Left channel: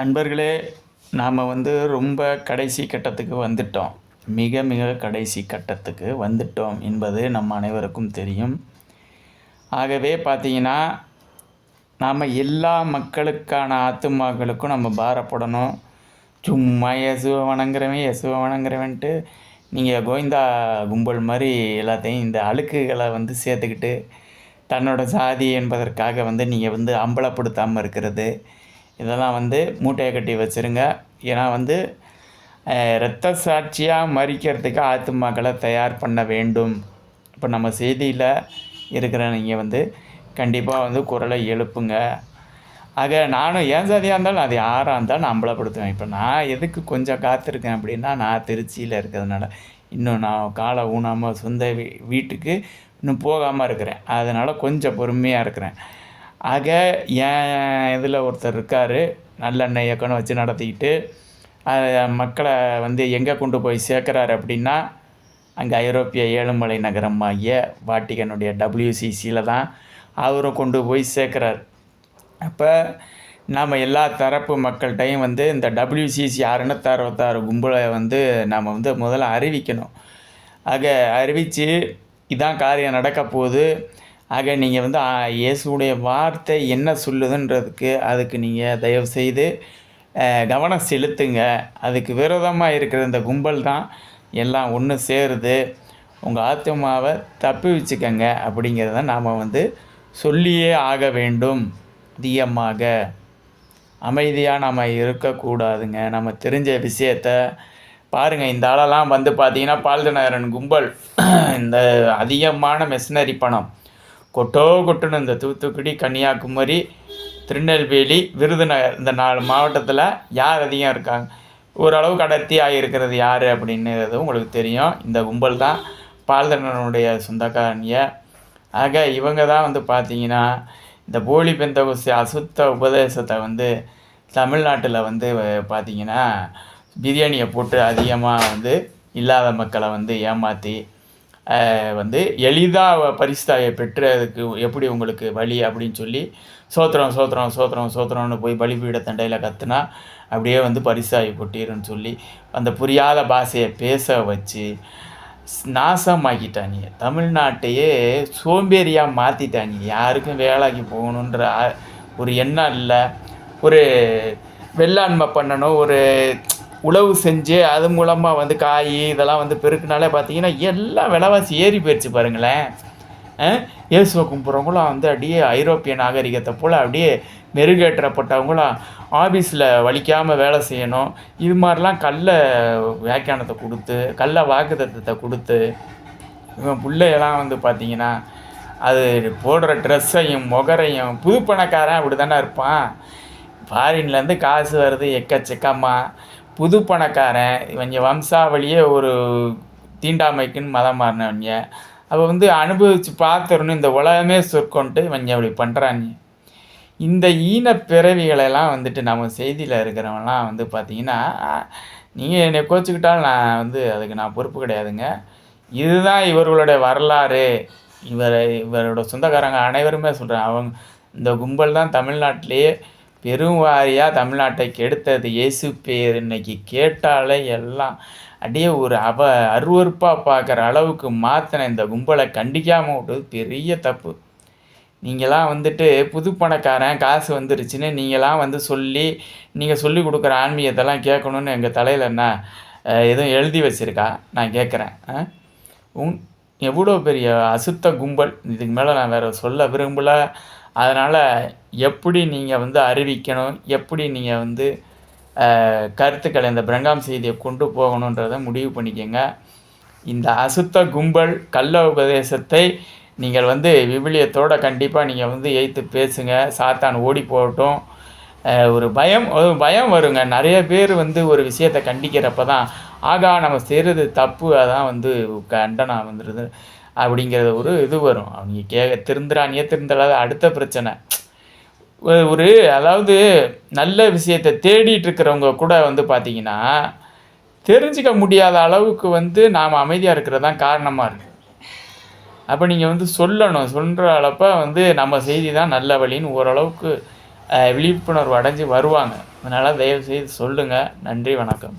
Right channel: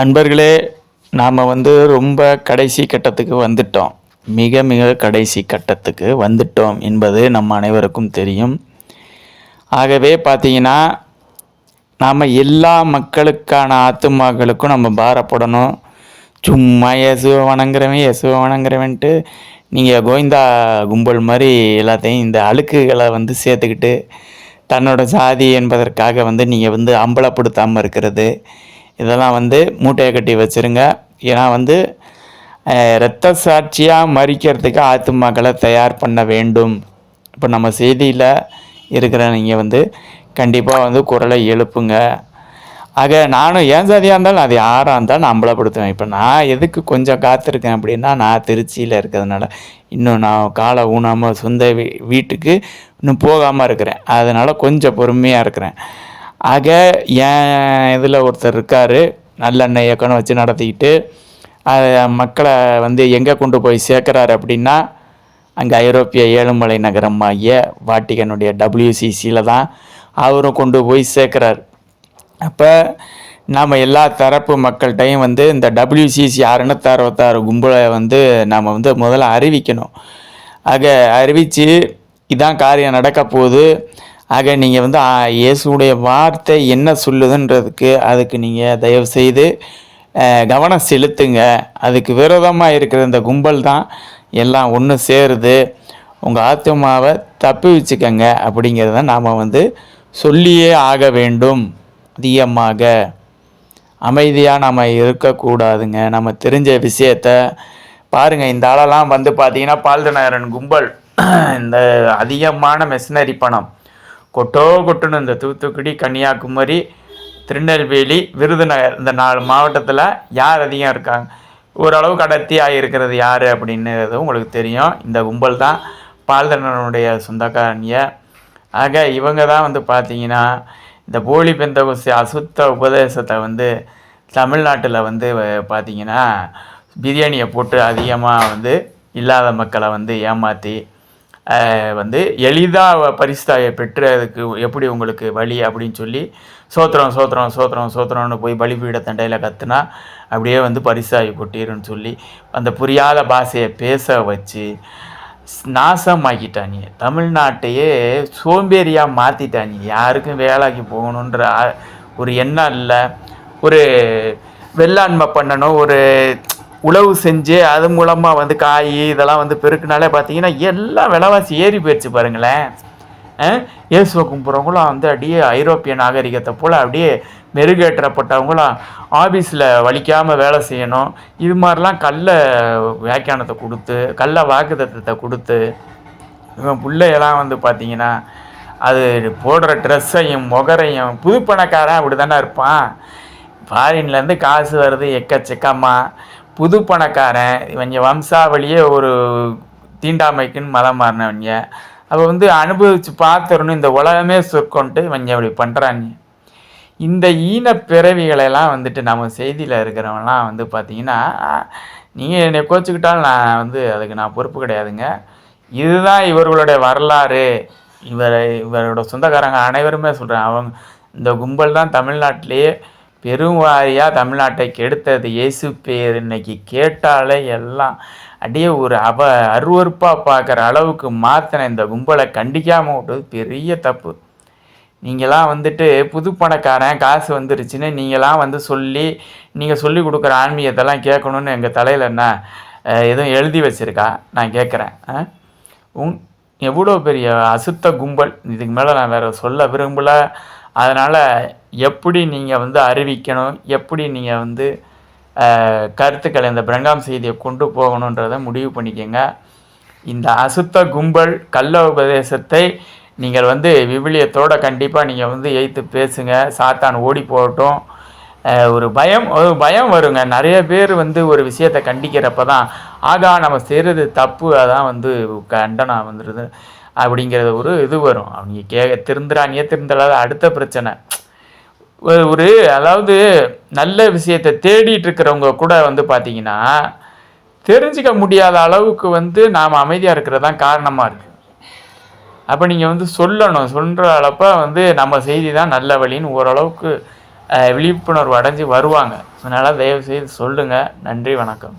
நண்பர்களே, நாம் ரொம்ப கடைசி கட்டத்துக்கு வந்துட்டோம். மிக மிக கடைசி கட்டத்துக்கு வந்துட்டோம் என்பது நம்ம அனைவருக்கும் தெரியும். ஆகவே பார்த்தீங்கன்னா, நாம் எல்லா மக்களுக்கான ஆத்துமாக்களுக்கும் நம்ம பாரப்படணும். சும்மா இயேசுவை வணங்குறவன் இயேசுவை வணங்குறவன்ட்டு நீங்கள் கோவிந்தா கும்பல் மாதிரி எல்லாத்தையும் இந்த அழுக்குகளை சேர்த்துக்கிட்டு தன்னோட சாதி என்பதற்காக நீங்கள் அம்பலப்படுத்தாமல் இருக்கிறது, இதெல்லாம் மூட்டையை கட்டி வச்சுருங்க. ஏன்னா இரத்த சாட்சியாக மறிக்கிறதுக்கு ஆத்துமாக்களை தயார் பண்ண வேண்டும். இப்போ நம்ம செய்தியில் இருக்கிற நீங்கள் கண்டிப்பாக குரலை எழுப்புங்க. ஆக நானும் ஏன் சாதியாக இருந்தாலும் அது யாராக இருந்தாலும் நான் அம்பலப்படுத்துவேன். இப்போ நான் எதுக்கு கொஞ்சம் காத்திருக்கேன் அப்படின்னா, நான் திருச்சியில் இருக்கிறதுனால இன்னும் நான் காலை ஊனாமல் சொந்த வீட்டுக்கு இன்னும் போகாமல் இருக்கிறேன். அதனால் கொஞ்சம் பொறுமையாக இருக்கிறேன். ஆக என் இதில் ஒருத்தர் இருக்கார், நல்லெண்ணெய் இயக்கம்னு வச்சு நடத்திக்கிட்டு மக்களை எங்கே கொண்டு போய் சேர்க்குறாரு அப்படின்னா, அங்கே ஐரோப்பிய ஏழுமலை நகரமாகிய வாட்டிகனுடைய WCCயில் தான் அவரும் கொண்டு போய் சேர்க்குறார். அப்போ நாம் எல்லா தரப்பு மக்கள்கிட்டையும் இந்த WCC 666 கும்பலை நாம் முதல்ல அறிவிக்கணும். ஆக அறிவித்து இதான் காரியம் நடக்க போகுது. ஆக நீங்கள் இயேசுடைய வார்த்தை என்ன சொல்லுதுன்றதுக்கு அதுக்கு நீங்கள் தயவுசெய்து கவனம் செலுத்துங்க. அதுக்கு விரோதமாக இருக்கிற இந்த கும்பல் தான் எல்லாம் ஒன்று சேருது. உங்கள் ஆத்மாவை தப்பி வச்சுக்கங்க அப்படிங்கிறத நாம் சொல்லியே ஆக வேண்டும். அதிகமாக அமைதியாக நம்ம இருக்கக்கூடாதுங்க. நம்ம தெரிஞ்ச விஷயத்த பாருங்கள். இந்த ஆளெல்லாம் பார்த்திங்கன்னா பால்தநகரன் கும்பல் இந்த அதிகமான மெஷினரி பணம் கொட்டுன்னு இந்த தூத்துக்குடி, கன்னியாகுமரி, திருநெல்வேலி, விருதுநகர் இந்த 4 மாவட்டத்தில் யார் அதிகம் இருக்காங்க, ஓரளவுக்கு அடர்த்தி ஆகியிருக்கிறது யார் அப்படின்றது உங்களுக்கு தெரியும். இந்த கும்பல் தான் பால்தனனுடைய சொந்தக்காரனிய. ஆக இவங்க தான் பார்த்திங்கன்னா இந்த போலி பெந்தகோஸ்து அசுத்த உபதேசத்தை தமிழ்நாட்டில் பார்த்திங்கன்னா பிரியாணியை போட்டு அதிகமாக இல்லாத மக்களை ஏமாற்றி எளிதாக பரிசுத்தாயை பெற்றதுக்கு எப்படி உங்களுக்கு வழி அப்படின்னு சொல்லி சோத்திரம் சோத்திரம் சோத்திரம் சோத்திரம்னு போய் பலிபீட தண்டையில் கத்துனா அப்படியே பரிசாயை கொட்டிருன்னு சொல்லி அந்த புரியாத பாஷையை பேச வச்சு நாசமாக்கிட்டாங்க. தமிழ்நாட்டையே சோம்பேறியாக மாற்றிட்டாங்க. யாருக்கும் வேலைக்கு போகணுன்ற ஒரு எண்ணம் இல்லை. ஒரு வெள்ளாண்மை பண்ணணும், ஒரு உழவு செஞ்சு அது மூலமாக காய் இதெல்லாம் பெருக்குனாலே பார்த்தீங்கன்னா எல்லாம் விலைவாசி ஏறி போயிடுச்சு பாருங்களேன். இயேசுவை கும்பிட்றவங்களும் அப்படியே ஐரோப்பிய நாகரிகத்தை போல் அப்படியே மெருகேற்றப்பட்டவங்களும் ஆஃபீஸில் வலிக்காமல் வேலை செய்யணும். இது மாதிரிலாம் கள்ள வியாக்கியானத்தை கொடுத்து கள்ள வாக்குத்தத்தத்தை கொடுத்து இவன் பிள்ளையெல்லாம் பார்த்திங்கன்னா அது போடுற ட்ரெஸ்ஸையும் முகரையும் புது பணக்காரன் அப்படி தானே இருப்பான். ஃபாரின்லேருந்து காசு வருது எக்கச்சக்கமாக. புது பணக்காரன் இவங்க வம்சாவளியே ஒரு தீண்டாமைக்குன்னு மதம் மாறினவங்க. அப்போ அனுபவித்து பார்த்துடணும், இந்த உலகமே சொற்கொண்டு இவங்க அப்படி பண்ணுறாங்க. இந்த ஈன பிறவிகளெல்லாம் நம்ம செய்தியில் இருக்கிறவங்களாம் பார்த்திங்கன்னா, நீங்கள் என்னை கோச்சிக்கிட்டாலும் நான் அதுக்கு நான் பொறுப்பு கிடையாதுங்க. இதுதான் இவர்களுடைய வரலாறு. இவரோட சொந்தக்காரங்க அனைவருமே சொல்கிறேன். அவங்க இந்த கும்பல் தான் தமிழ்நாட்டிலேயே பெருவாரியாக தமிழ்நாட்டை கெடுத்தது. இயேசு பேர் இன்னைக்கு கேட்டாலே எல்லாம் அப்படியே ஒரு அருவறுப்பாக பார்க்குற அளவுக்கு மாற்றின இந்த கும்பலை கண்டிக்காமல் விட்டது பெரிய தப்பு. நீங்களாம் புது பணக்காரன் காசு வந்துருச்சுன்னு நீங்களாம் சொல்லி நீங்கள் சொல்லி கொடுக்குற ஆன்மீகத்தெல்லாம் கேட்கணுன்னு எங்கள் தலையில் என்ன எதுவும் எழுதி வச்சுருக்கா? நான் கேட்குறேன். எவ்வளோ பெரிய அசுத்த கும்பல். இதுக்கு மேலே நான் வேறு சொல்ல விரும்பலை. அதனால் எப்படி நீங்கள் அறிவிக்கணும், எப்படி நீங்கள் கருத்துக்களை இந்த பிரங்காம் செய்தியை கொண்டு போகணுன்றதை முடிவு பண்ணிக்கோங்க. இந்த அசுத்த கும்பல் கள்ள உபதேசத்தை நீங்கள் விவிலியத்தோடு கண்டிப்பாக நீங்கள் எய்த்து பேசுங்க. சாத்தான் ஓடி போகட்டும். ஒரு பயம் வருங்க. நிறைய பேர் ஒரு விஷயத்தை கண்டிக்கிறப்ப தான் ஆகா நம்ம செய்கிறது தப்பு, அதான் கண்டனம் வந்துடுது அப்படிங்கிறது ஒரு இது வரும். அவங்க திருந்துறாங்க திருந்தலாத அடுத்த பிரச்சனை. ஒரு அதாவது நல்ல விஷயத்தை தேடிட்டு இருக்கிறவங்க கூட பார்த்திங்கன்னா தெரிஞ்சிக்க முடியாத அளவுக்கு நாம் அமைதியாக இருக்கிறது தான் காரணமாக இருக்குது. அப்போ நீங்கள் சொல்லணும். சொல்கிற அளப்போ நம்ம செய்தி தான் நல்ல வழின்னு ஓரளவுக்கு விழிப்புணர்வு அடைஞ்சு வருவாங்க. அதனால் தயவுசெய்து சொல்லுங்கள். நன்றி, வணக்கம்.